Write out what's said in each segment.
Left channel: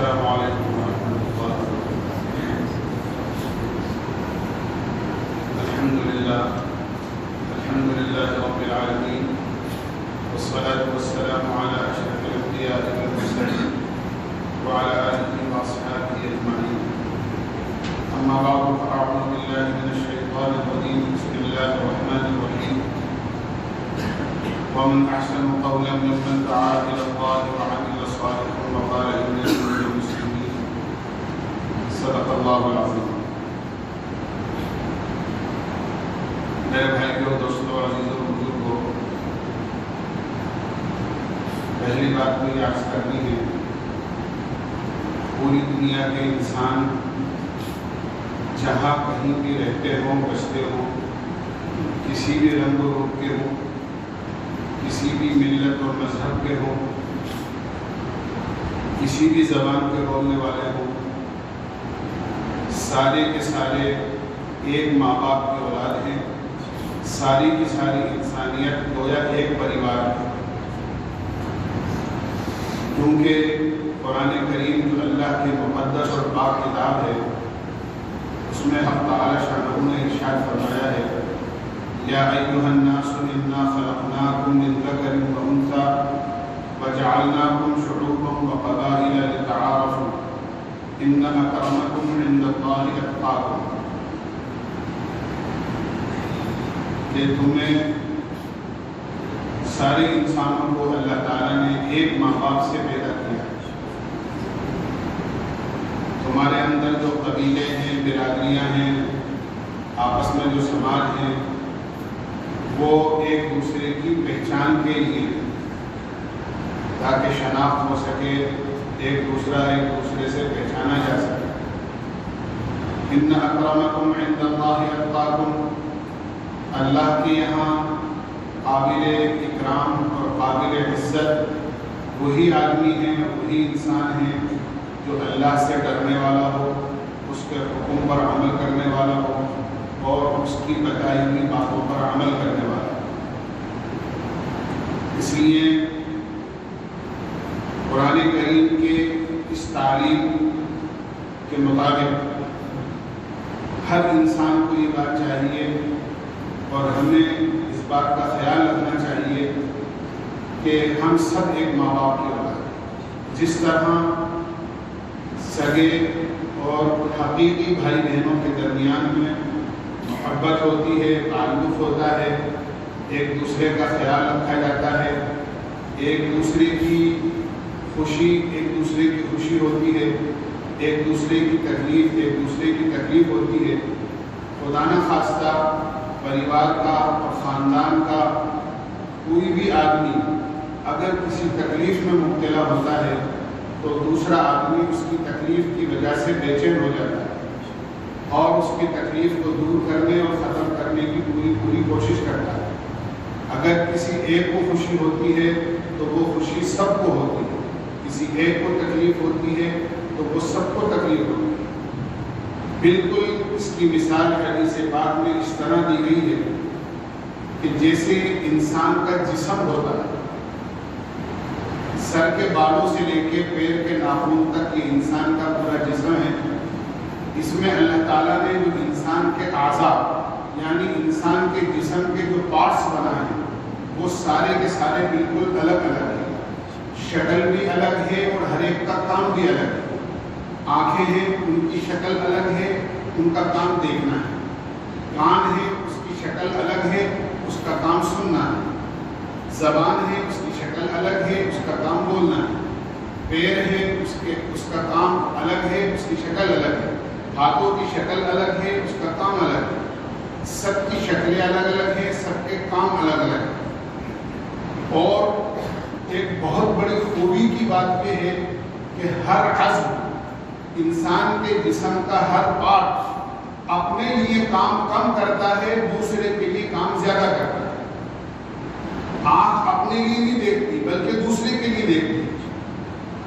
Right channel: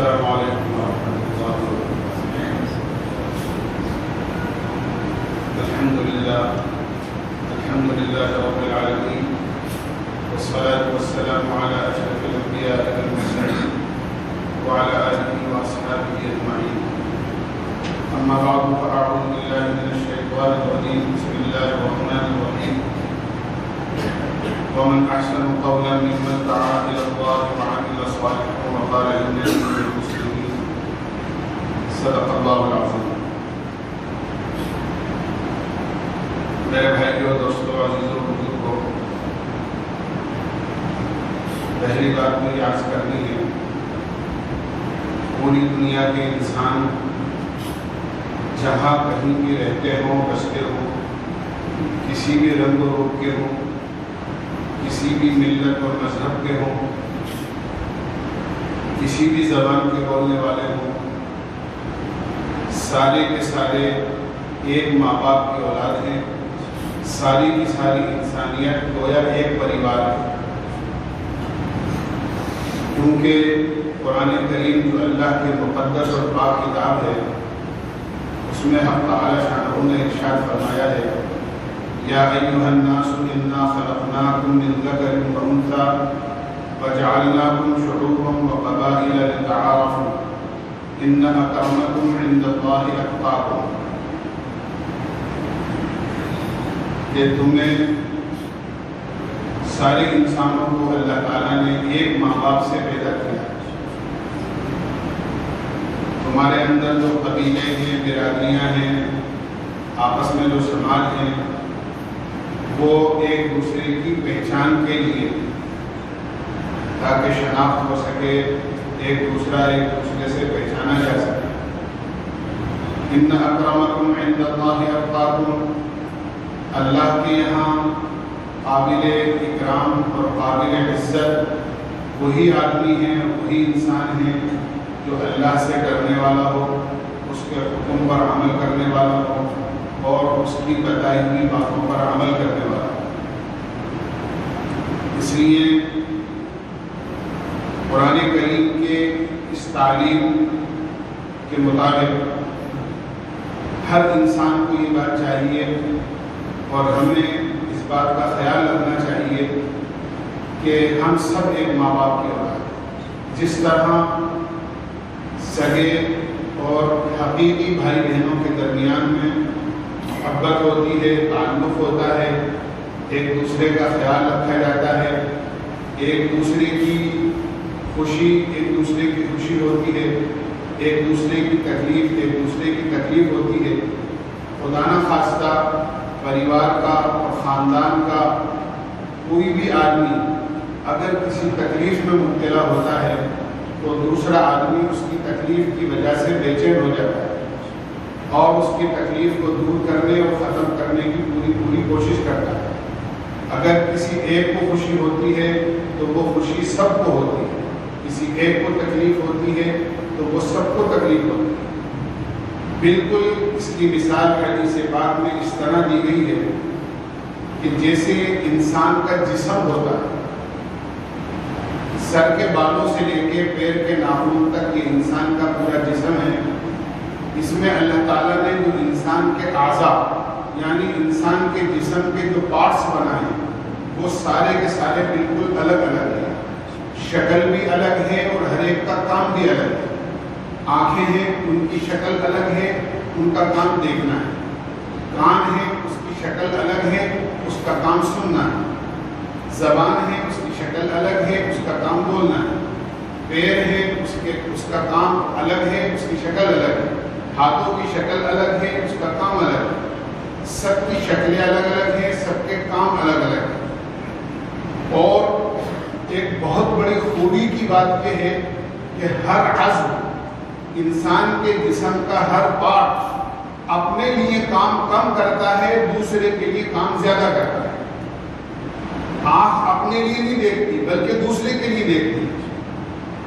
السلام علیکم ورحمۃ اللہ وبرکاتہ۔ الحمد للہ رب العالمین، والصلاة والسلام علی اشرف الانبیاء والمرسلین وعلی آلہ واصحابہ اجمعین۔ اما بعد فاعوذ باللہ من الشیطان الرجیم، بسم اللہ الرحمن الرحیم۔ ومن احسن قولا ممن دعا الى اللہ وعمل صالحا وقال اننی من المسلمین۔ صدق اللہ العظیم۔ میرے بھائیوں، دوستوں، عزیزوں، بزرگوں، پہلی بات مجھے عرض کرنی ہے، پوری دنیا کے انسان جہاں کہیں بھی رہتے ہوں، بستے ہوں، کسی بھی رنگ و روپ کے ہوں، کسی بھی ملت اور مذہب کے ہوں، کسی بھی زبان کے بولنے والے ہوں، سارے کے سارے ایک ماں باپ کی اولاد ہیں، ساری کی ساری انسانیت گویا ایک پریوار ہے۔ کیونکہ قرآن کریم جو اللہ کی مقدس اور پاک کتاب ہے، اس میں حق تعالی شانہ نے ارشاد فرمایا ہے، یا ایھا الناس انا خلقناکم من ذکر و انثی وجعلناکم شعوبا وقبائل لتعارفوا ان اکرمکم عند اللہ اتقاکم۔ کہ تمہیں سارے انسانوں کو اللہ تعالیٰ نے ایک ماں باپ سے پیدا کیا۔ تمہارے اندر جو قبیلے ہیں، برادریاں ہیں، آپس میں جو سماج ہیں، وہ ایک دوسرے کی پہچان کے لیے، تاکہ شناخت ہو سکے، ایک دوسرے سے پہچانا جا سکے۔ ان اکرمکم عند اللہ اتقاکم، اللہ کے یہاں قابل اکرام اور قابل عزت وہی آدمی ہیں، وہی انسان ہیں جو اللہ سے ڈرنے والا ہو، اس کے حکم پر عمل کرنے والا ہو اور اس کی بتائی ہوئی باتوں پر عمل کرنے والا ہو۔ اس لیے قرآن کریم کے اس تعلیم کے مطابق ہر انسان کو یہ بات چاہیے اور ہمیں اس بات کا خیال رکھنا چاہیے کہ ہم سب ایک ماں باپ کے اولاد ہیں۔ جس طرح سگے اور حقیقی بھائی بہنوں کے درمیان میں محبت ہوتی ہے، تعلق ہوتا ہے، ایک دوسرے کا خیال رکھا جاتا ہے، ایک دوسرے کی خوشی ہوتی ہے، ایک دوسرے کی تکلیف ہوتی ہے، خدا نہ خواستہ پریوار کا اور خاندان کا کوئی بھی آدمی اگر کسی تکلیف میں مبتلا ہوتا ہے تو دوسرا آدمی اس کی تکلیف کی وجہ سے بے چین ہو جاتا ہے اور اس کی تکلیف کو دور کرنے اور ختم کرنے کی پوری کوشش کرتا ہے۔ اگر کسی ایک کو خوشی ہوتی ہے تو وہ خوشی سب کو ہوتی ہے، کسی ایک کو تکلیف ہوتی ہے تو وہ سب کو تکلیف ہوتی ہے۔ بالکل اس کی مثال حدیث پاک میں اس طرح دی گئی ہے کہ جیسے انسان کا جسم ہوتا ہے، سر کے بالوں سے لے کے پیر کے ناخنوں تک یہ انسان کا پورا جسم ہے۔ اس میں اللہ تعالیٰ نے جو انسان کے اعضاء یعنی انسان کے جسم کے جو پارٹس بنائے ہیں وہ سارے کے سارے بالکل الگ الگ ہیں، شکل بھی الگ ہے اور ہر ایک کا کام بھی الگ ہے۔ آنکھیں ہیں، ان کی شکل الگ ہے، ان کا کام دیکھنا ہے۔ کان ہے، اس کی شکل الگ ہے، اس کا کام سننا ہے۔ زبان ہے، اس کی شکل الگ ہے، اس کا کام بولنا ہے۔ پیر ہے، اس کا کام الگ ہے، اس کی شکل الگ ہے۔ ہاتھوں کی شکل الگ ہے، اس کا کام الگ ہے۔ سب کی شکلیں الگ الگ ہیں، سب کے کام الگ الگ ہیں۔ اور ایک بہت بڑی خوبی کی بات یہ ہے کہ ہر عضو انسان کے جسم کا ہر پارٹ اپنے لیے کام کم کرتا ہے، دوسرے کے لیے کام زیادہ کرتا ہے۔ آنکھ اپنے لیے نہیں دیکھتی بلکہ دوسرے کے لیے دیکھتی ہے۔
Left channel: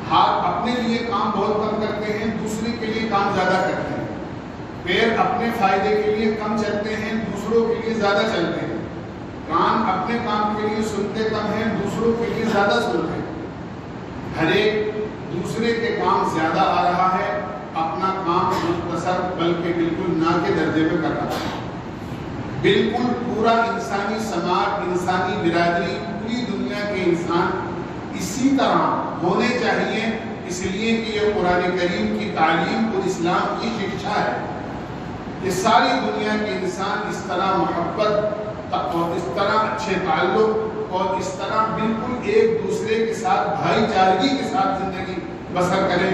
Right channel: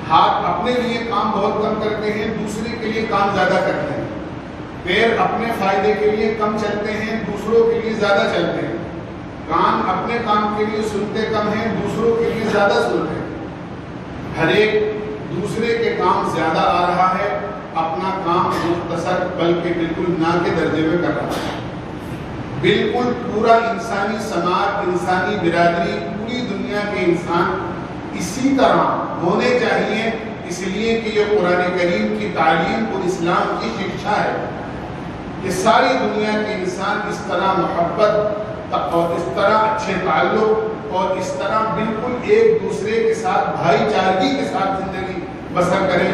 ہاتھ اپنے لیے کام بہت کم کرتے ہیں، دوسرے کے لیے کام زیادہ کرتے ہیں۔ پیر اپنے فائدے کے لیے کم چلتے ہیں، دوسروں کے لیے زیادہ چلتے ہیں۔ کان اپنے کام کے لیے سنتے کم ہیں، دوسروں کے لیے زیادہ سنتے ہیں۔ ہر ایک دوسرے کے کام زیادہ آ رہا ہے، اپنا کام مختصر بلکہ بالکل نہ کے درجے میں کر رہا ہے۔ بالکل پورا انسانی سماج، انسانی برادری، پوری دنیا کے انسان اسی طرح ہونے چاہیے، اس لیے کہ یہ قرآن کریم کی تعلیم اور اسلام کی شکشا ہے کہ ساری دنیا کے انسان اس طرح محبت اور اس طرح اچھے تعلق اور اس طرح بالکل ایک دوسرے کے ساتھ بھائی چارگی کے ساتھ زندگی بسر کرے،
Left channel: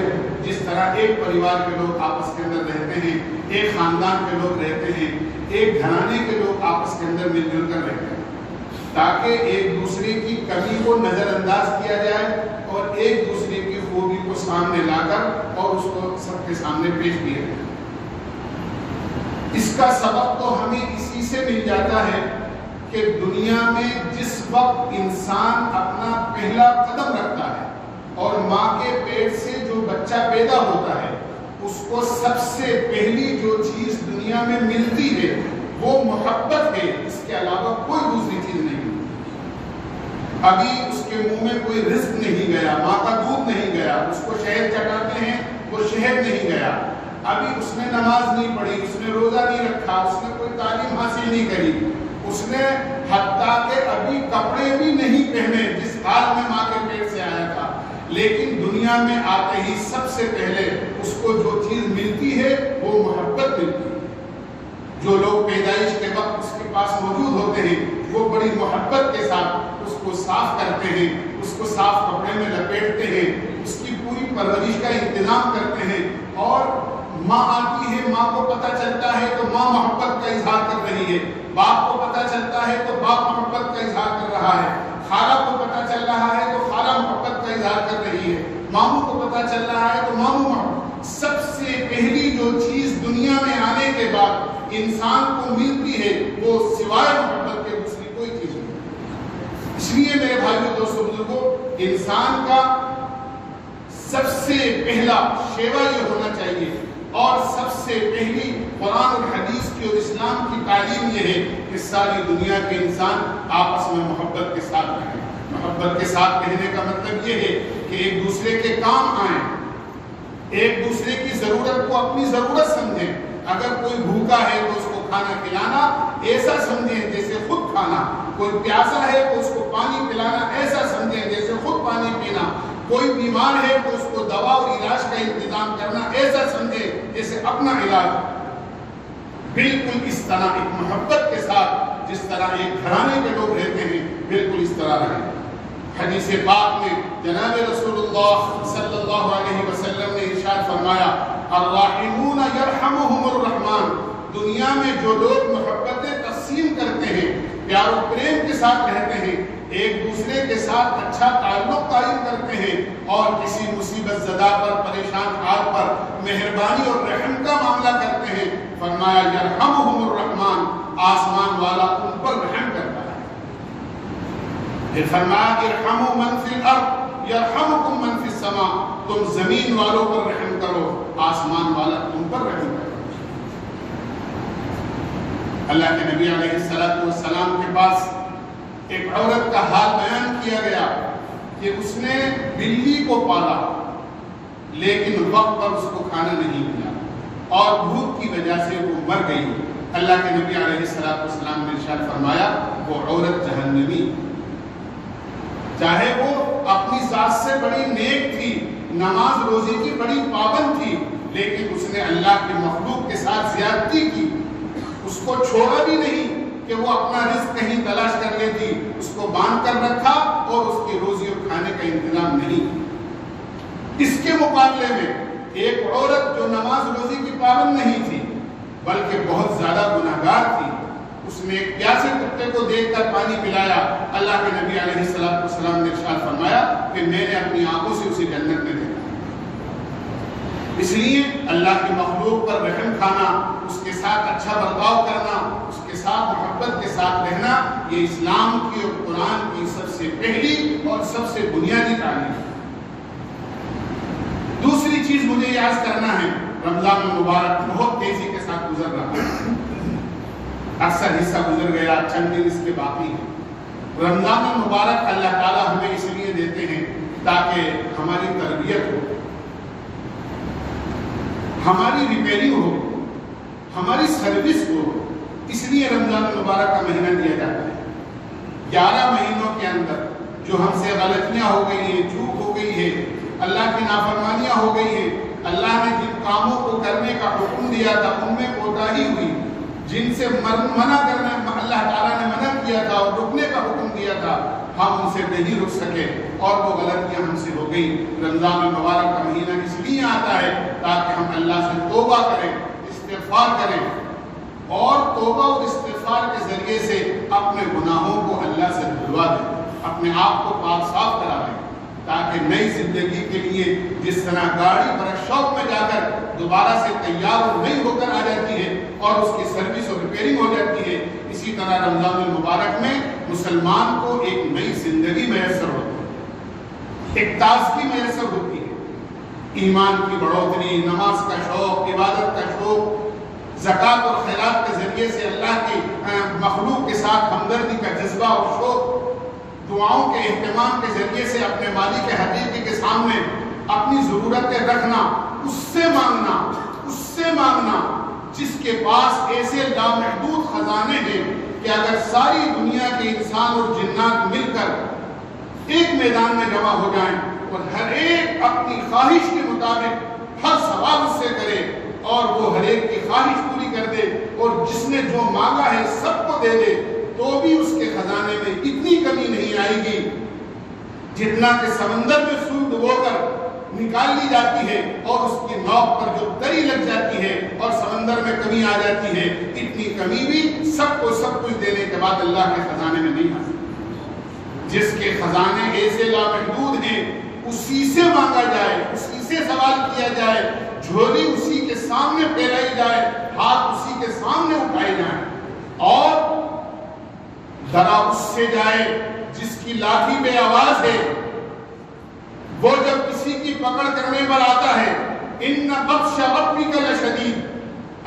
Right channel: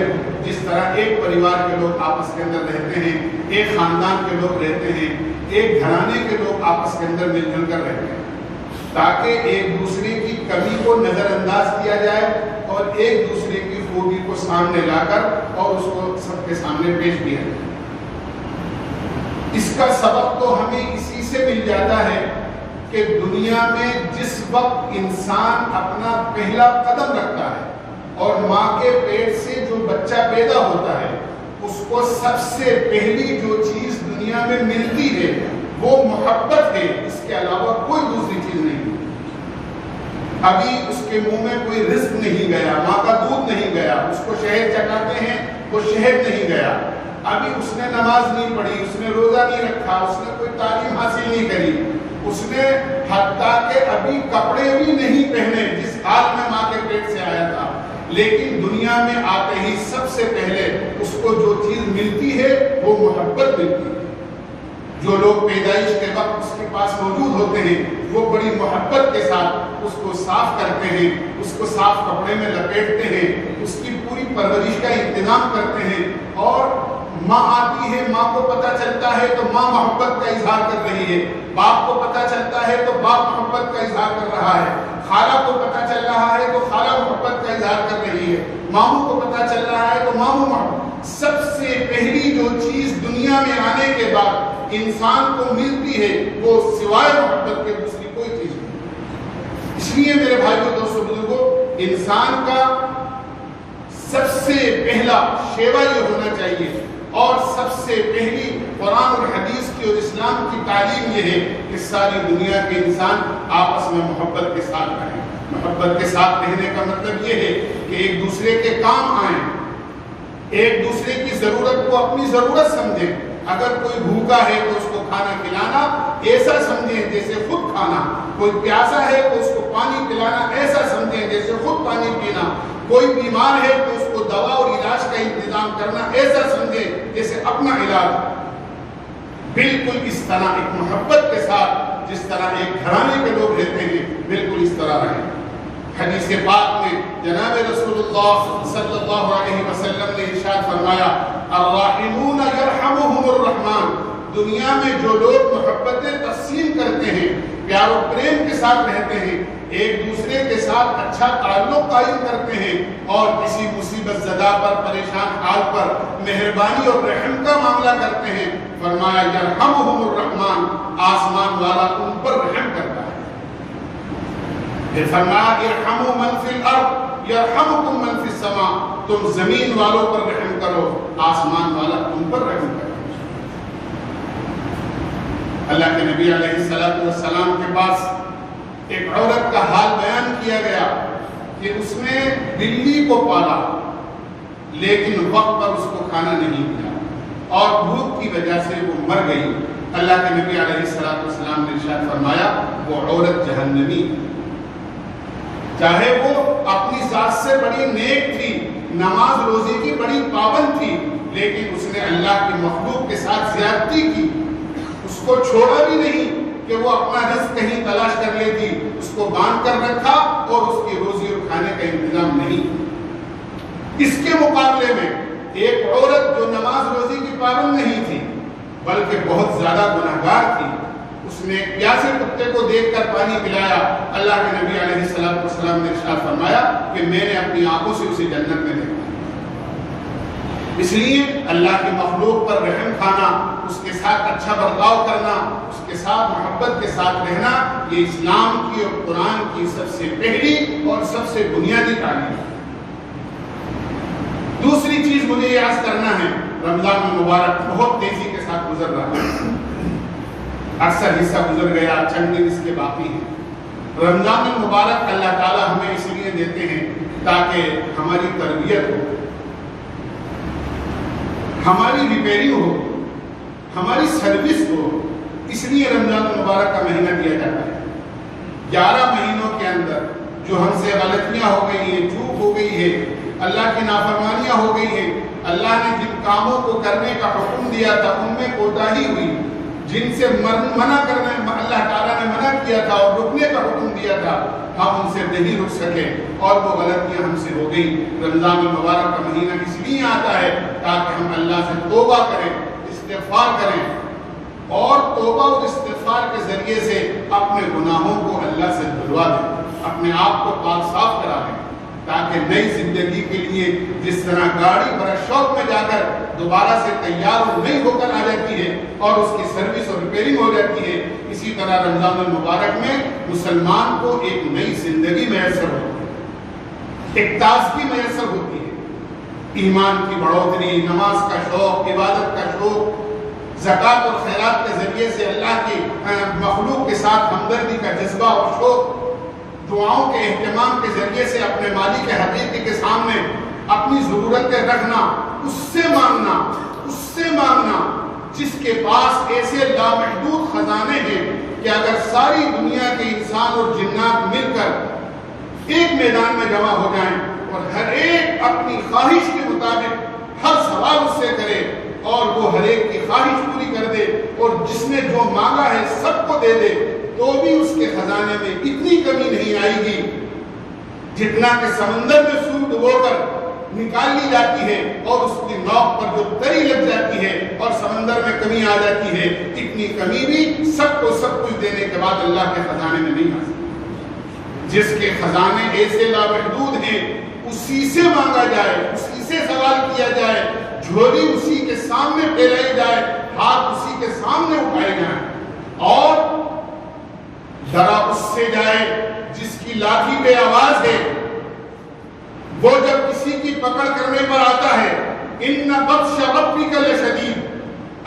جس طرح ایک پریوار کے لوگ آپس کے اندر رہتے ہیں، ایک خاندان کے لوگ رہتے ہیں، ایک گھرانے کے لوگ آپس کے اندر مل جل کر رہتے ہیں، تاکہ ایک دوسرے کی کمی کو نظر انداز کیا جائے اور ایک دوسرے کی خوبی کو سامنے لا کر اور اس کو سب کے سامنے پیش کیا جائے۔ اس کا سبب تو ہمیں اسی سے مل جاتا ہے کہ دنیا میں جس وقت انسان اپنا پہلا قدم رکھتا ہے اور ماں کے پیٹ سے جو بچہ پیدا ہوتا ہے، اس کو سب سے پہلی جو چیز دنیا میں ملتی ہے وہ محبت ہے، اس کے علاوہ کوئی دوسری چیز نہیں ملتی۔ ابھی اس کے منہ میں کوئی رزق نہیں گیا، ماں کا دودھ نہیں گیا، اس کو شہد چٹاتے ہیں وہ شہد نہیں گیا، ابھی اس نے نماز نہیں پڑھی، اس نے روزہ نہیں رکھا، اس نے کوئی تعلیم حاصل نہیں کری، اس نے حتیٰ کہ ابھی کپڑے بھی نہیں پہنے جس حال میں ماں کے پیٹ سے آیا تھا، لیکن دنیا میں آتے ہی سب سے پہلے اس کو جو چیز ملتی ہے وہ محبت ملتی ہے۔ جو لوگ پیدائش کے وقت اس کے پاس موجود ہوتے ہیں وہ بڑی محبت کے ساتھ اس کو صاف کرتے ہیں، اس کو صاف کپڑے میں لپیٹتے ہیں، اس کی پوری پرورش کا انتظام کرتے ہیں، اور ماں آتی ہے، ماں کو پتہ چلتا ہے تو ماں محبت کا اظہار کر رہی ہے، باپ کو پتہ چلتا ہے تو باپ محبت کا اظہار کر رہا ہے، خالہ کو پتہ چل رہا ہے تو خالہ محبت کا اظہار کر رہی ہے، ماموں کو پتہ چل رہا ہے تو ماموں محبت۔ سب سے پہلی جو چیز دنیا میں آنے کے بعد انسان کو ملتی ہے وہ سوائے محبت کے دوسری کوئی چیز نہیں۔ اس لیے میرے بھائیوں، دوستوں، بزرگوں، انسان کا سب سے پہلا شیوا یہ ہونا چاہیے اور سب سے پہلی قرآن اور حدیث کی اور اسلام کی تعلیم یہ ہے کہ ساری دنیا کے انسان آپس میں محبت کے ساتھ رہیں۔ محبت کے ساتھ رہنے کا مطلب یہ ہے کہ ایک دوسرے کے کام آئیں، ایک دوسرے کی ضرورت کو اپنی ضرورت سمجھیں۔ اگر کوئی بھوکا ہے تو اس کو کھانا کھلانا ایسا سمجھیں جیسے خود کھانا، کوئی پیاسا ہے تو اس کو پانی پلانا ایسا سمجھیں جیسے خود پانی پینا، کوئی بیمار ہے تو اس کو دوا اور علاج کا انتظام کرنا ایسا سمجھیں جیسے اپنا علاج۔ بالکل اس طرح ایک محبت کے ساتھ جس طرح ایک گھرانے کے لوگ رہتے ہیں بالکل اس طرح رہیں۔ حدیث پاک میں جناب رسول اللہ صلی اللہ علیہ وسلم نے ارشاد فرمایا، الراحمون یرحمہم الرحمن، دنیا میں جو لوگ محبتیں تقسیم کرتے ہیں، پیار و پریم کے ساتھ رہتے ہیں، ایک دوسرے کے ساتھ اچھا تعلق قائم کرتے ہیں اور کسی مصیبت زدہ پر، پریشان حال پر مہربانی اور رحم کا معاملہ کرتے ہیں، فرمایا یرحمہم الرحمن، آسمان والا ان پر رحم کرتا ہے۔ پھر فرمایا ارحموا من فی الارض یرحمکم من فی السماء، تم زمین والوں پر رحم کرو، آسمان والا تم پر رحم کرو۔ اللہ کے نبی علیہ السلام کے پاس ایک عورت کا حال بیان کیا گیا کہ اس نے بلی کو پالا لیکن وقت پر اس کو کھانا نہیں ملا اور بھوک کی وجہ سے وہ مر گئی۔ اللہ کے نبی علیہ السلام نے ارشاد فرمایا وہ عورت جہنمی، چاہے وہ اپنی ذات سے بڑی نیک تھی، نماز روزے کی بڑی پابند تھی، لیکن اس نے اللہ کی مخلوق کے ساتھ زیادتی کی، اس کو چھوڑا بھی نہیں کہ وہ اپنا رزق کہیں تلاش کر لیتی، اس کو باندھ کر رکھا اور اس کی روزی اور کھانے کا انتظام نہیں۔ اس کے مقابلے میں ایک عورت جو نماز روزی کی پابند نہیں تھی بلکہ بہت زیادہ گنہگار تھی، اس نے پیاسے کتے کو دیکھ کر پانی پلایا، اللہ کے نبی علیہ السلام نے ارشاد فرمایا کہ میں نے اپنی آنکھوں سے اسے جنت میں دیکھا۔ اس لیے اللہ کی مخلوق پر رحم کھانا، اس کے ساتھ اچھا برتاؤ کرنا، اس کے ساتھ محبت کے ساتھ رہنا، یہ اسلام کی اور قرآن کی سب سے پہلی اور سب سے بنیادی تعلیم ہے۔ دوسری چیز مجھے یہ عرض کرنا ہے، رمضان المبارک بہت تیزی کے ساتھ گزر رہا ہے، اکثر حصہ گزر گیا، چند دن اس کے باقی ہیں۔ رمضان المبارک اللہ تعالیٰ ہمیں اس لیے دیتے ہیں تاکہ ہماری تربیت ہو، ہماری ریپیئرنگ ہو، ہماری سروس ہو۔ اس لیے رمضان المبارک کا مہینہ دیا جاتا ہے۔ 11 مہینوں کے اندر جو ہم سے غلطیاں ہو گئی ہیں، چوک ہو گئی ہے، اللہ کی نافرمانیاں ہو گئی ہیں، اللہ نے جن کاموں کو کرنے کا حکم دیا تھا ان میں کوتاہی ہوئی، جن سے منع کرنا اللہ تعالیٰ نے منع کیا تھا اور رکنے کا حکم دیا تھا، ہم ان سے نہیں رک سکے اور وہ غلطیاں ہم سے ہو گئی۔ رمضان المبارک کا مہینہ اس لیے آتا ہے تاکہ ہم اللہ سے توبہ کریں، استغفار کریں، اور توبہ اور استغفار کے ذریعے سے اپنے گناہوں کو اللہ سے دھلوا دیں، اپنے آپ کو پاک صاف کرا دیں، تاکہ نئی زندگی کے لیے جس طرح گاڑی بڑا شوق میں جا کر دوبارہ سے تیار اور نئی ہو کر آ جاتی ہے اور اس کی سروس اور ریپیئرنگ ہو جاتی ہے، اسی طرح رمضان المبارک میں مسلمان کو ایک نئی زندگی میسر ہوتی ہے، ایک تازگی میسر ہوتی ہے، ایمان کی بڑھوتری، نماز کا شوق، عبادت کا شوق، زکوٰۃ اور خیرات کے ذریعے سے اللہ کی مخلوق کے ساتھ ہمدردی کا جذبہ اور شوق، دعاؤں کے اہتمام کے ذریعے سے اپنے مالک کے حقیقی کے سامنے اپنی ضرورتیں رکھنا، اس سے مانگنا جس کے پاس ایسے لامحدود خزانے ہیں کہ اگر ساری دنیا کے انسان اور جنات مل کر ایک میدان میں جمع ہو جائیں اور ہر ایک اپنی خواہش کے مطابق ہر سوال اس سے کرے اور وہ ہر ایک کی خواہش پوری کر دے اور جس نے جو مانگا ہے سب کو دے دے، تو بھی اس کے خزانے میں اتنی کمی نہیں آئے گی جتنا کہ سمندر میں سور ڈبو کر نکال لی جاتی ہے اور اس کی نوک پر جو تری لگ جاتی ہے اور سمندر میں کمی آ جاتی ہے، اتنی کمی بھی سب کو سب کچھ دینے کے بعد اللہ کے خزانے میں نہیں آ سکتی۔ جس کے خزانے ایسے لامحدود ہیں، اسی سے مانگا جائے، اسی سے سوال کیا جائے، جھولی اسی کے سامنے پھیلائی جائے، ہاتھ اسی کے سامنے اٹھائے جائیں، اور ڈرا اس سے جائے جس کی لاٹھی بے آواز ہے۔ وہ جب کسی کی پکڑ کرنے پر آتا ہے، ان بطش ربک لشدید،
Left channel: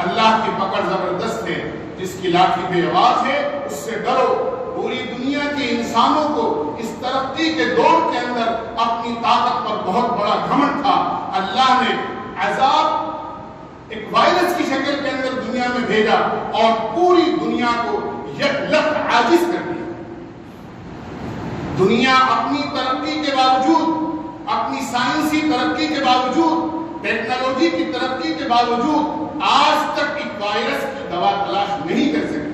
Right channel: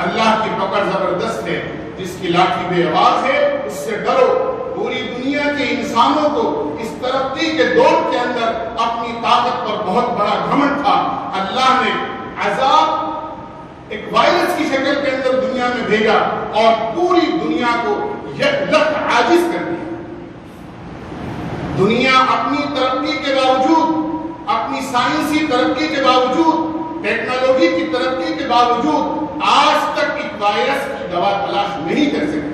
اللہ کی پکڑ زبردست ہے، جس کی لاٹھی بے آواز ہے اس سے ڈرو۔ پوری دنیا کے انسانوں کو اس ترقی کے دور کے اندر اپنی طاقت پر بہت بڑا گھمنڈ تھا، اللہ نے عذاب ایک وائرس کی شکل کے اندر دنیا میں بھیجا اور پوری دنیا کو یکلخت عاجز کر دیا۔ دنیا اپنی ترقی کے باوجود، اپنی سائنسی ترقی کے باوجود، ٹیکنالوجی کی ترقی کے باوجود آج تک ایک وائرس کی دوا تلاش نہیں کر سکی۔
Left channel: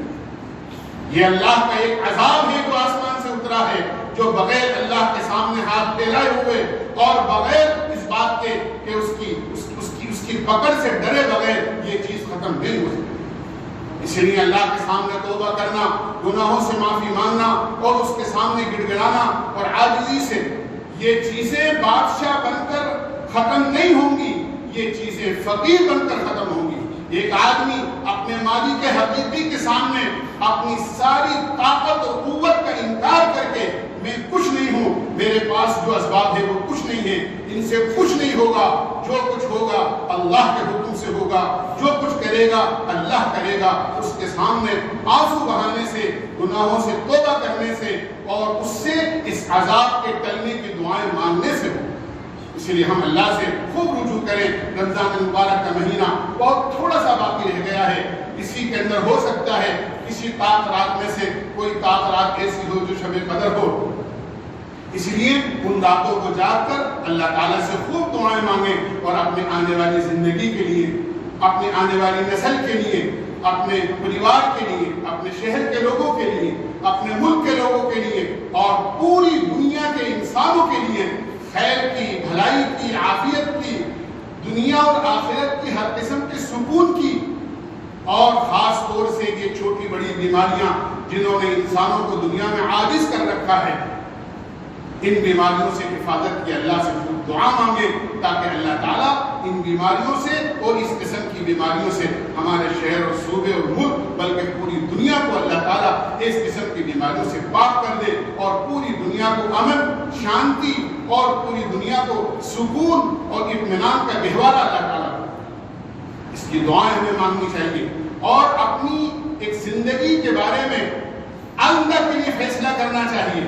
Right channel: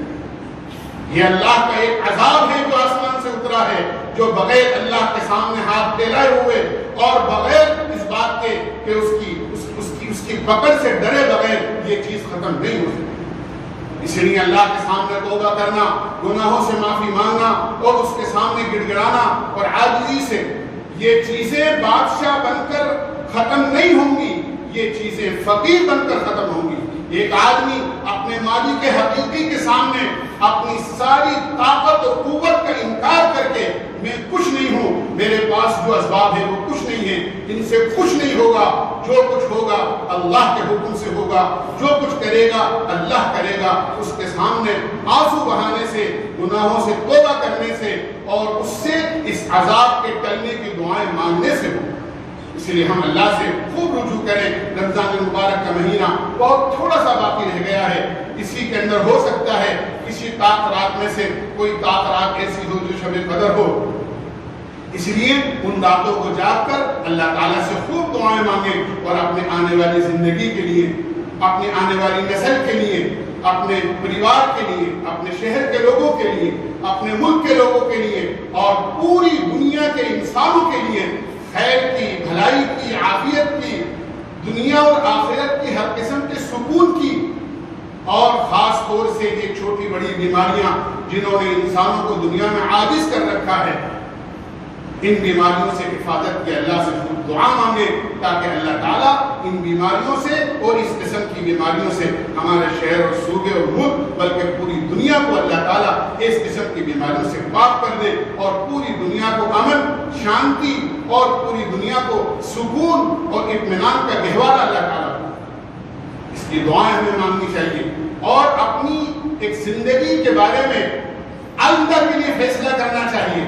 یہ اللہ کا ایک عذاب ہے جو آسمان سے اترا ہے، جو بغیر اللہ کے سامنے ہاتھ پھیلائے ہوئے اور بغیر اس بات کے کہ اس کی پکڑ سے ڈرے بغیر یہ چیز ختم نہیں ہو سکتی۔ اس لیے اللہ کے سامنے توبہ کرنا، گناہوں سے معافی مانگنا اور اس کے سامنے گڑ گڑانا اور عاجزی سے، یہ چیزیں بادشاہ بن کر ختم نہیں ہوں گی، یہ چیزیں فقیر بن کر ختم ہوں گی۔ ایک آدمی اپنے مالک حقیقی کے سامنے اپنی ساری طاقت اور قوت کا انکار کر کے میں کچھ نہیں ہوں، میرے پاس جو اسباب ہے وہ کچھ نہیں ہے، ان سے کچھ نہیں ہوگا، جو کچھ ہوگا اللہ کے حکم سے ہوگا، جو کچھ کرے گا اللہ کرے گا، اس کے سامنے آنسو بہانے سے، گناہوں سے توبہ کرنے سے اور اس سے اس عذاب کے ٹلنے کی دعائیں مانگنے سے ہوگا۔ اس لیے ہم اللہ سے خوب رجوع کریں۔ رمضان المبارک کا مہینہ بہت تھوڑا سا باقی رہ گیا ہے، اسی کے اندر ہو سکتا ہے کسی طاق رات میں سے کوئی طاق رات ایسی ہو جو شب قدر ہو، اس لیے ان راتوں کو جاگ کر اللہ تعالیٰ سے خوب دعائیں مانگیں اور اپنے آنے والی زندگی کے لیے، اپنے آنے والی نسل کے لیے، اپنے پریوار کے لیے، اپنے شہر کے لوگوں کے لیے، اپنے ملک کے لوگوں کے لیے اور پوری دنیا کے انسانوں کے لیے خیر کی، بھلائی کی، عافیت کی، دنیا اور آخرت کی ہر قسم کے سکون کی، اور خاص طور سے یہ چھوٹی بڑی بیماریاں جنہوں نے انسانوں کو دنیا میں عاجز کر رکھا ہے، ان بیماریوں سے حفاظت کی اللہ سے خوب دعا مانگے تاکہ اللہ تعالیٰ ان بیماریوں سے اور اس قسم کی بیماریوں سے ہمارے شہر اور صوبے اور ملک بلکہ پوری دنیا کو اللہ تعالیٰ اس قسم کی بیماریوں سے پاک کر دے اور پوری دنیا کو امن، شانتی اور پوری دنیا کو سکون اور اطمینان کا گہوارہ اللہ تعالیٰ۔ اس کی دعائیں ہمیں مانگنی چاہیے اور اپنی ایک زندگی کے بارے میں آئندہ کے لیے فیصلہ کرنا چاہیے۔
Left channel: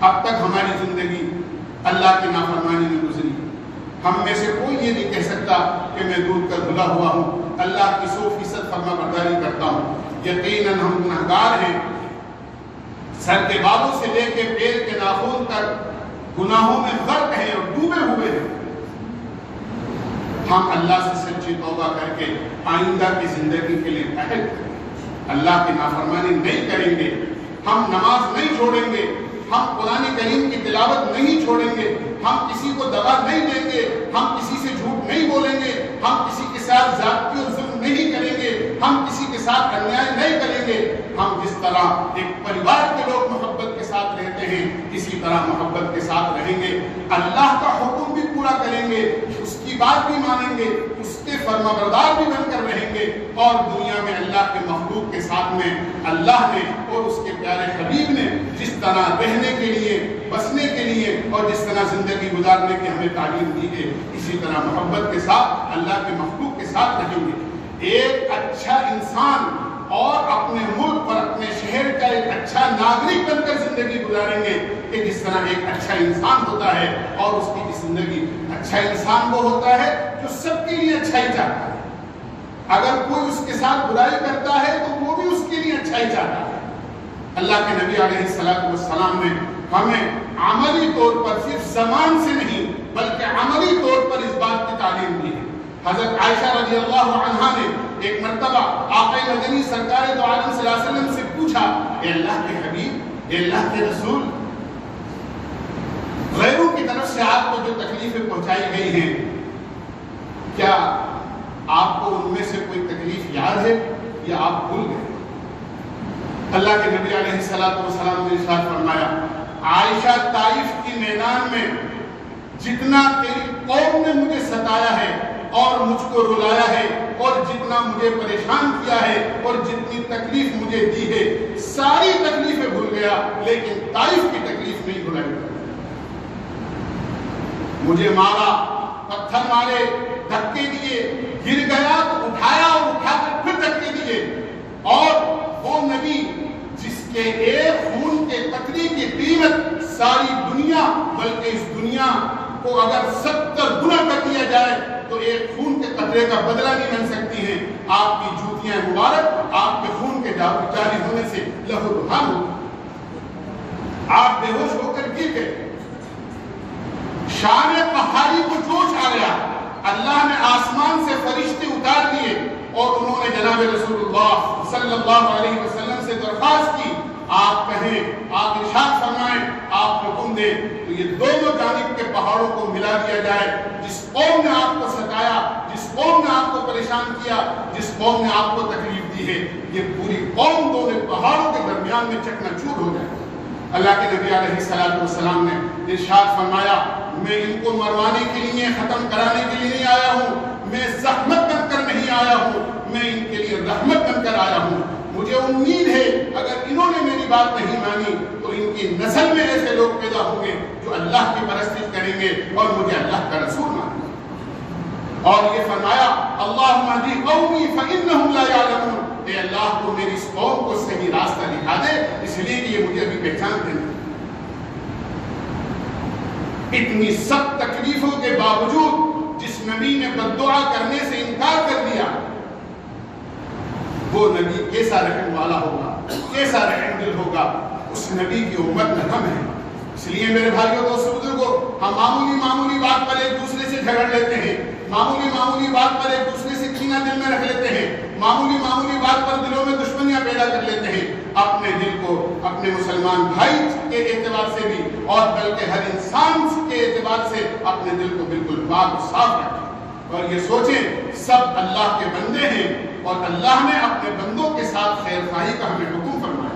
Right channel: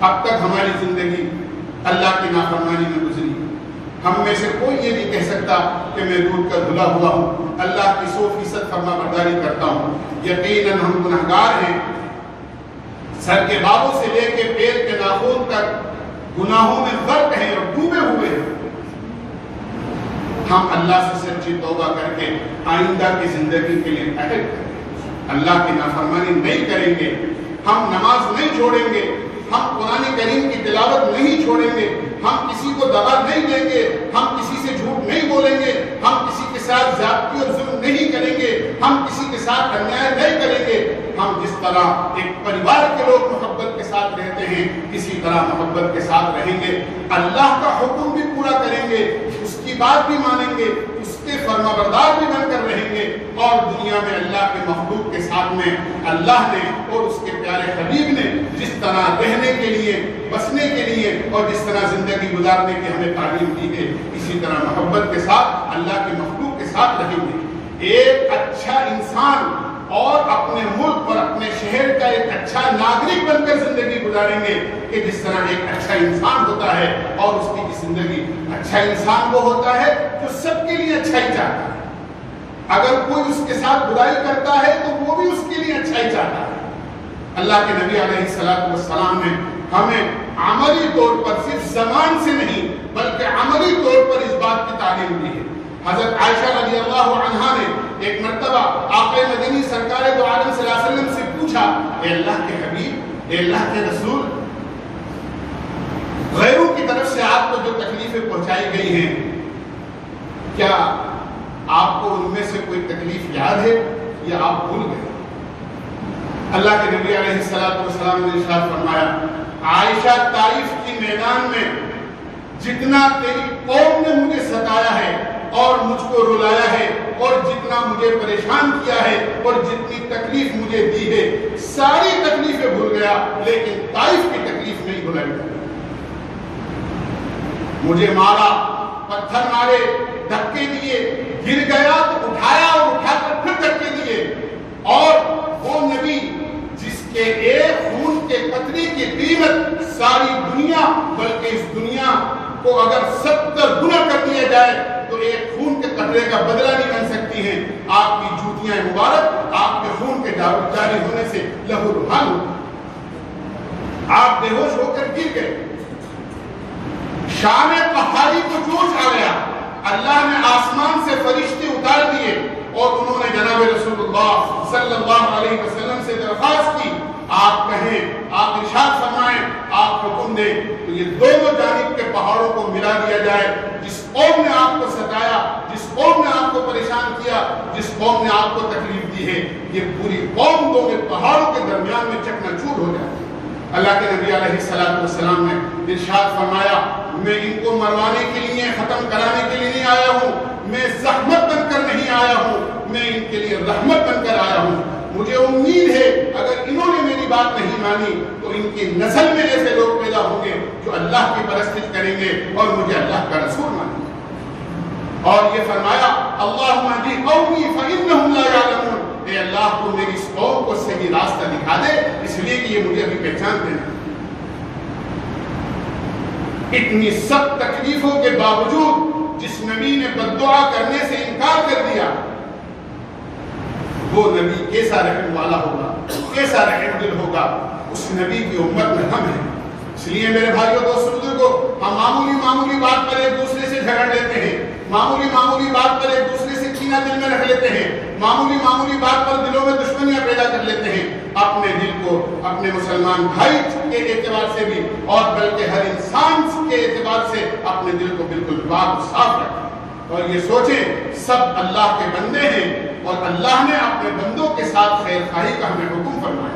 اب تک ہماری زندگی اللہ کی نافرمانی میں گزری. ہم میں سے کوئی یہ نہیں کہہ سکتا کہ میں دودھ کا دھلا ہوا ہوں, اللہ کی 100% فرما برداری کرتا ہوں. یقیناً ہم گنہگار ہیں, سر کے بالوں سے لے کے پیر کے ناخن تک گناہوں میں غرق ہیں اور ڈوبے ہوئے ہیں. ہم اللہ سے سچی توبہ کر کے آئندہ کی زندگی کے لیے عہد کریں, اللہ کی نافرمانی نہیں کریں گے, ہم نماز نہیں چھوڑیں گے, ہم قرآن کریم کی تلاوت نہیں چھوڑیں گے, ہم کسی کو دبا نہیں دیں گے, ہم کسی سے جھوٹ نہیں بولیں گے, ہم کسی کے ساتھ زیادتی اور ظلم نہیں کریں گے, ہم کسی کے ساتھ انیائے نہیں کریں گے. ہم جس طرح ایک پریوار کے لوگ محبت کے ساتھ رہتے ہیں اسی طرح محبت کے ساتھ رہیں گے. اللہ کا حکم بھی پورا کریں گے, اس کی بات بھی مانیں گے, اس کے فرما بردار بھی بن کر رہیں گے. اور دنیا میں اللہ کے مخلوق کے ساتھ میں اللہ نے اور اس کے پیارے حبیب نے جس طرح رہنے کے لیے, بسنے کے لیے اور جس طرح زندگی گزارنے کی ہمیں تعلیم دی ہے, اسی طرح محبت کے ساتھ اللہ کے مخلوق کے ساتھ رہیں گے. ایک اچھا انسان اور اپنے ملک اور اپنے شہر کا ایک اچھا ناگرک بن کر زندگی گزاریں گے کہ جس طرح ایک اچھا انسان ہوتا ہے اور اس کی زندگی. اچھا انسان وہ ہوتا ہے جو سب کے لیے اچھائی چاہتا ہے. اگر کوئی اس کے ساتھ برائی کرتا ہے تو وہ بھی اس کے لیے اچھائی چاہتا ہے. اللہ کے نبی علیہ الصلوۃ والسلام نے ہمیں عملی طور پر صرف زبان سے نہیں بلکہ عملی طور پر اس بات کی تعلیم دی ہے. حضرت عائشہ رضی اللہ عنہا نے ایک مرتبہ آقا مدنی سرکار دو عالم صلی اللہ علیہ وسلم سے پوچھا, اے اللہ کے حبیب, اے اللہ کے رسول, غیروں کی طرف سے آپ کو جو تکلیفیں پہنچائی گئی ہیں, کیا آپ کو ان میں سے کوئی تکلیف یاد ہے یا آپ بھول گئے؟ اللہ کے نبی علیہ السلام نے ارشاد فرمایا, عائشہ, طائف کی میدان میں جتنا تیری قوم نے مجھے ستایا ہے اور مجھ کو رلایا ہے اور جتنا مجھے پریشان کیا ہے اور جتنی تکلیف مجھے دی ہے, ساری تکلیفیں بھول گیا, لیکن طائف کی تکلیف نہیں بھولا گیا. مجھے مارا, پتھر مارے, دھکے دیے, گر گیا تو اٹھایا اور اٹھا کر پھر دھکے دیے. اور وہ نبی جس کے ایک خون کے قطرے کی قیمت ساری دنیا بلکہ اس دنیا کو اگر 70 گنا کر دیا جائے تو ایک خون کے قطرے کا بدلہ نہیں بن سکتی ہیں. آپ کی جوتیاں مبارک آپ کے خون کے جاری ہونے سے لہو لہان ہو, آپ بے ہوش ہو کر گر گئے. شان پہاڑی کو جوش آ گیا, اللہ نے آسمان سے فرشتے اتار دیے اور انہوں نے جناب رسول اللہ صلی اللہ علیہ وسلم سے درخواست کی, آپ کہیں, آپ ارشاد فرمائیں, آپ حکم دیں تو یہ دونوں جانب کے پہاڑوں کو ملا دیا جائے. جس قوم نے آپ کو ستایا, جس قوم نے آپ کو پریشان کیا, جس قوم نے آپ کو تکلیف دی ہے, یہ پوری قوم دونوں پہاڑوں کے درمیان میں چکنا چور ہو جائے. اللہ کے نبی علیہ السلام نے ارشاد فرمایا, میں ان کو مروانے کے لیے, ختم کرانے کے لیے نہیں آیا ہوں, میں زحمت بن کر نہیں آیا ہوں, میں ان کے لیے رحمت بن کر آیا ہوں. مجھے امید ہے اگر انہوں نے میری بات نہیں مانی تو ان کی نسل میں ایسے لوگ پیدا ہوں گے جو اللہ کی پرستش کریں گے اور مجھے اللہ کا رسول مانیں گے. اور یہ فرمایا, اللہم اہدی قومی فإنہم لا یعلمون, اے اللہ تو میری اس قوم کو صحیح راستہ دکھا دے, اس لیے کہ یہ مجھے ابھی پہچانتے ہیں. اتنی سب تکلیفوں کے باوجود جس نبی نے بد دعا کرنے سے انکار کر دیا, وہ نبی کیسا رحم والا ہوگا, کیسا رحم دل ہوگا. اس نبی کی امت میں ہم ہیں. اس لیے میرے بھائیوں دوستوں بزرگوں, ہم معمولی بات پر ایک دوسرے سے جھگڑ لیتے ہیں, معمولی بات پر ایک دوسرے سے کینہ دل میں رکھ لیتے ہیں, معمولی بات پر دلوں میں دشمنیاں پیدا کر لیتے ہیں. اپنے دل کو اپنے مسلمان بھائی کے اعتبار سے بھی اور بلکہ ہر انسان کے اعتبار سے اپنے دل کو بالکل پاک و صاف رکھیں اور یہ سوچیں سب اللہ کے بندے ہیں اور اللہ نے اپنے بندوں کے ساتھ خیر خواہی کا ہمیں حکم فرمایا.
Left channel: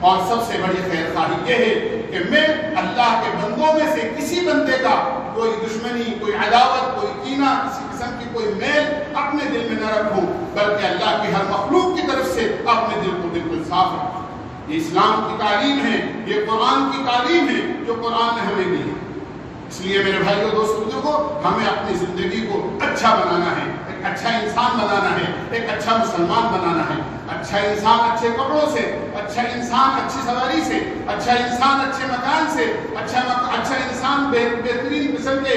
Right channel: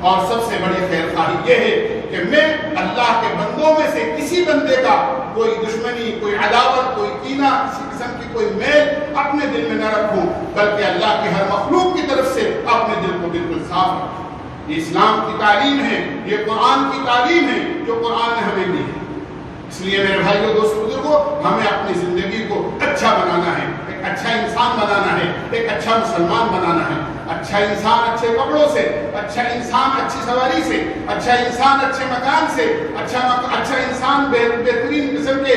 اور سب سے بڑی خیر خواہی یہ ہے کہ میں اللہ کے بندوں میں سے کسی بندے کا کوئی دشمنی, کوئی عداوت, کوئی کینہ, کسی قسم کی کوئی میل اپنے دل میں نہ رکھوں, بلکہ اللہ کی ہر مخلوق کی طرف سے اپنے دل کو بالکل صاف رکھوں. یہ اسلام کی تعلیم ہے, یہ قرآن کی تعلیم ہے جو قرآن نے ہمیں دی ہے. اس لیے میرے بھائیوں دوستوں بزرگوں, ہمیں اپنی زندگی کو اچھا بنانا ہے, ایک اچھا انسان بنانا ہے, ایک اچھا مسلمان بنانا ہے. اچھا انسان اچھے کپڑوں سے، اچھا انسان اچھی سواری سے، اچھا انسان اچھے مکان سے، اچھا انسان بہترین قسم کے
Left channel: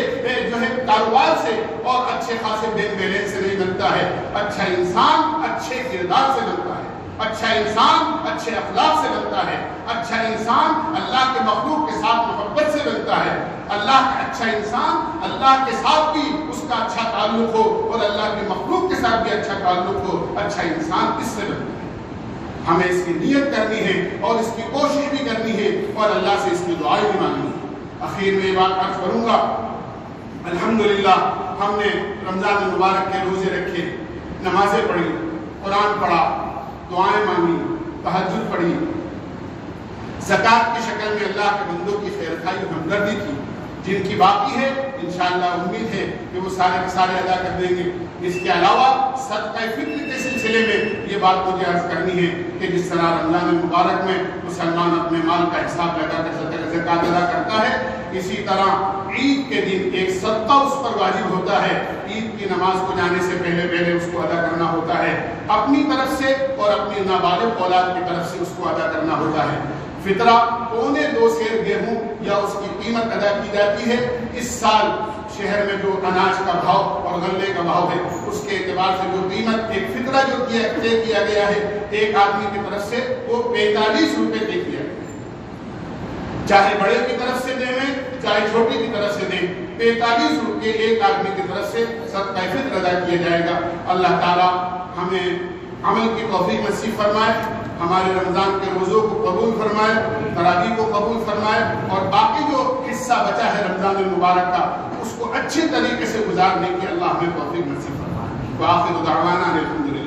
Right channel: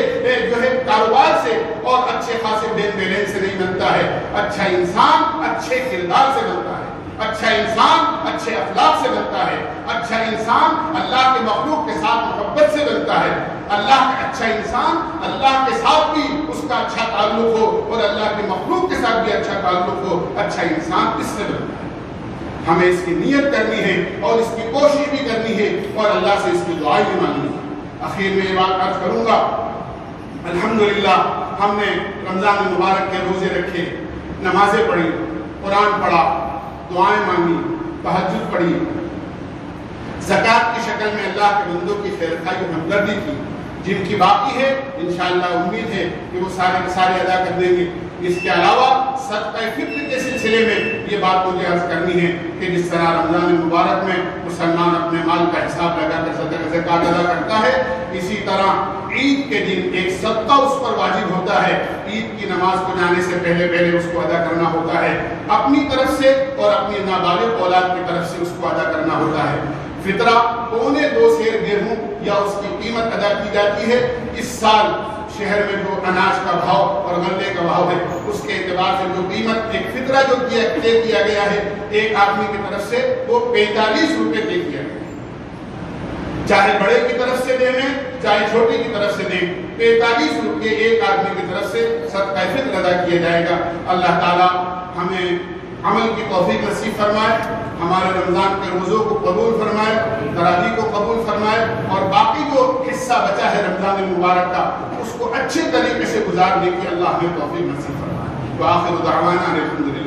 جو ہے کاروبار سے اور اچھے خاصے بین بیلنس سے نہیں بنتا ہے. اچھا انسان اچھے کردار سے بنتا ہے، اچھا انسان اچھے اخلاق سے بنتا ہے، اچھا انسان اللہ کے مخلوق کے ساتھ محبت سے بنتا ہے. اللہ کا اچھا انسان اللہ کے ساتھ بھی اس کا اچھا تعلق ہو اور اللہ کے مخلوق کے ساتھ بھی اچھا تعلق ہو. اچھا انسان اس سے بنتا ہے. ہمیں اس کی نیت کرنی ہے اور اس کی کوشش بھی کرنی ہے اور اللہ سے اس کی دعائیں بھی مانگنی ہے. آخر میں یہ بات عرض کروں گا، الحمدللہ ہم نے رمضان المبارک کے روزے رکھے، نمازیں پڑھی، قرآن پڑھا، دعائیں مانگی، تہجد پڑھی، زکوٰۃ کی شکل میں اللہ کے بندوں کی خیر خواہی اور ہمدردی کی. جن کی باقی ہے انشاءاللہ امید ہے کہ وہ سارے کے سارے ادا کر دیں گے. اس کے علاوہ صدقہ فطر کے سلسلے میں یہ بات مجھے عرض کرنی ہے کہ جس طرح رمضان المبارک میں مسلمان اپنے مال کا حساب لگا کر زکوٰۃ ادا کرتا ہے، اسی طرح عید کے دن ایک صدقہ اس پر واجب ہوتا ہے. عید کی نماز کو جانے سے پہلے اس کو ادا کرنا ہوتا ہے، اپنی طرف سے اور اپنی نابالغ اولاد کی طرف سے اس کو ادا کرنا ہوتا ہے. فطرہ 2.25 سیر گیہوں یا اس کی قیمت ادا کی جاتی ہے. اس سال شہر میں جو اناج کا بھاؤ اور غلے کا بھاؤ ہے اس کے اعتبار سے جو قیمت ایک فطرہ جو طے کیا گیا ہے ایک آدمی کی طرف سے وہ 45 روپے طے کیا گیا. چاہے بڑے کی طرف سے دیں چاہے چھوٹے کی طرف سے دیں، 45 روپے ایک آدمی کی طرف سے صدقہ فطر ادا کیا جائے گا. اللہ تعالی ہمیں عمل کی توفیق نصیب فرمائے، ہمارے رمضان کے روزوں کو قبول فرمائے، تراویح کو قبول فرمائے اور باقی جو حصہ بچا ہے رمضان المبارک کا اس کو اچھے طریقے سے گزارنے کی اللہ ہمیں توفیق نصیب فرمائے. وآخر دعوانا الحمدللہ.